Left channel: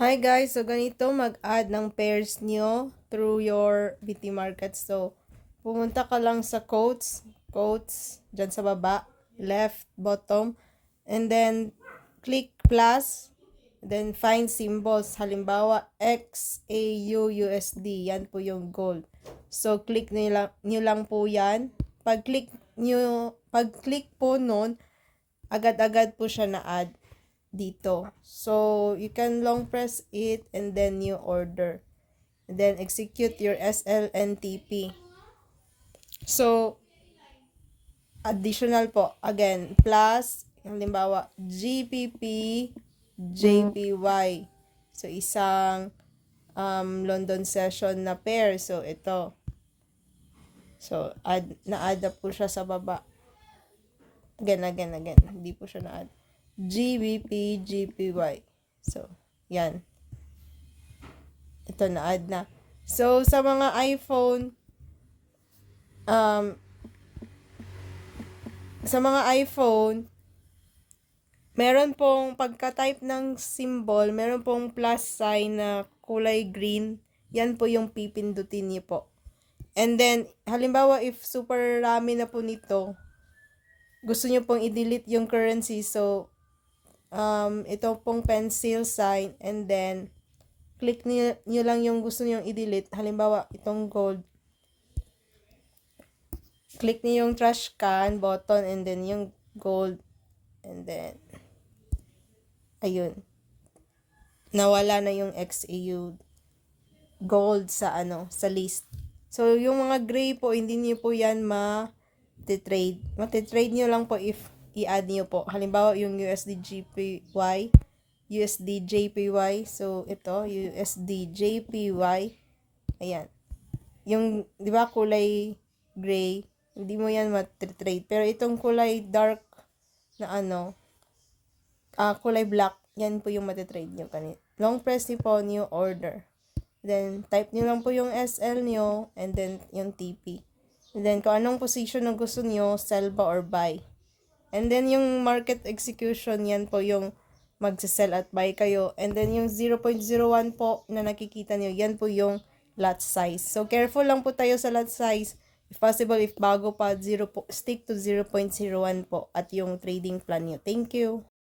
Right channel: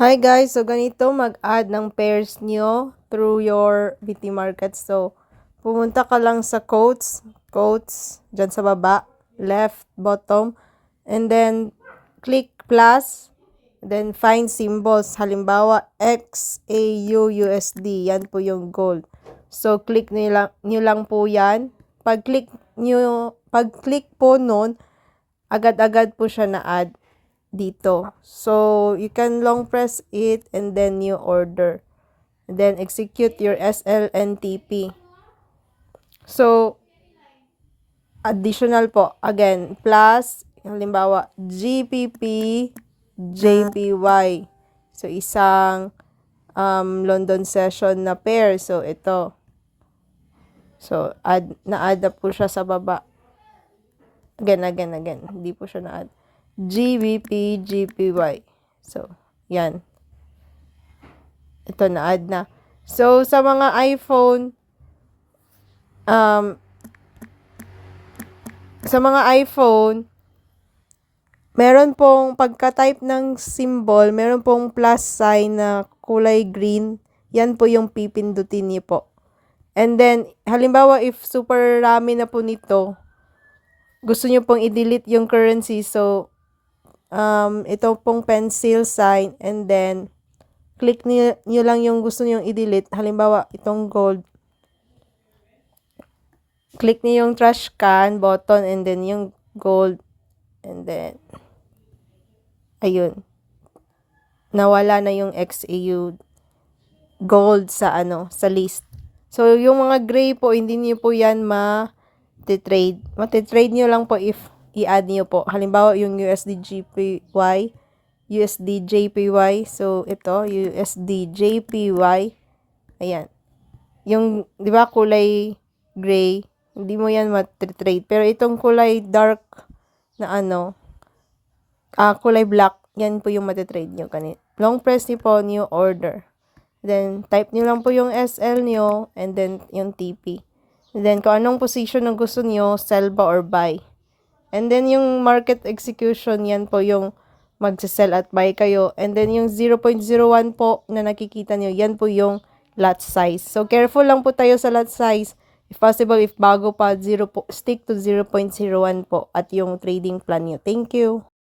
Hi guys, so ganito mag-add ng pairs nyo through your BT Market. So, pumunta ka lang sa quotes, dyan sa baba, left, bottom, and then click plus, then find symbols. Halimbawa, XAU USD, yan po yung gold. So, click nyo lang po yan. Pag-click po nun, agad-agad po siya na-add dito. So, you can long press it and then you order. And then, execute your SLNTP. So, additional po. Again, plus, halimbawa, GPP, JPY. So, isang London session na pair. So, ito. So, na-add na po siya sa baba. Again. Hindi po siya na-add. GBP, GPY. So, yan. Ito, na-add na. So, sa mga iPhone, meron pong pagka-type ng symbol, meron pong plus sign na kulay green. Yan po yung pipindutin niyo po. And then, halimbawa, if super rami na po nito, gusto niyo pong i-delete yung currency. So, ito pong pencil sign, and then, click niyo lang yung gusto niyo i-delete. Halimbawa, itong gold. Click niyo yung trash can button, and then yung gold. And then, ayun. Nawala na yung XAU gold sa sa list. So, yung mga gray po, hindi niyo po yan ma-trade. Mati-trade niyo lang po if i-add niyo po. Halimbawa, yung USD JPY, USD JPY. So, ito, USD JPY. Ayan. Yung, di ba, kulay gray, hindi mo yan mati-trade. Pero itong kulay dark na kulay black, yan po yung mati-trade nyo. Long press niyo po, new order. Then, type niyo lang po yung SL niyo, and then yung TP. And then, kung anong position na gusto niyo, sell ba or buy. And then, yung market execution, yan po yung mag-sell at buy kayo. And then, yung 0.01 po na nakikita niyo, yan po yung lot size. So, careful lang po tayo sa lot size. If possible, if bago pa, stick to 0.01 po at yung trading plan niyo. Thank you.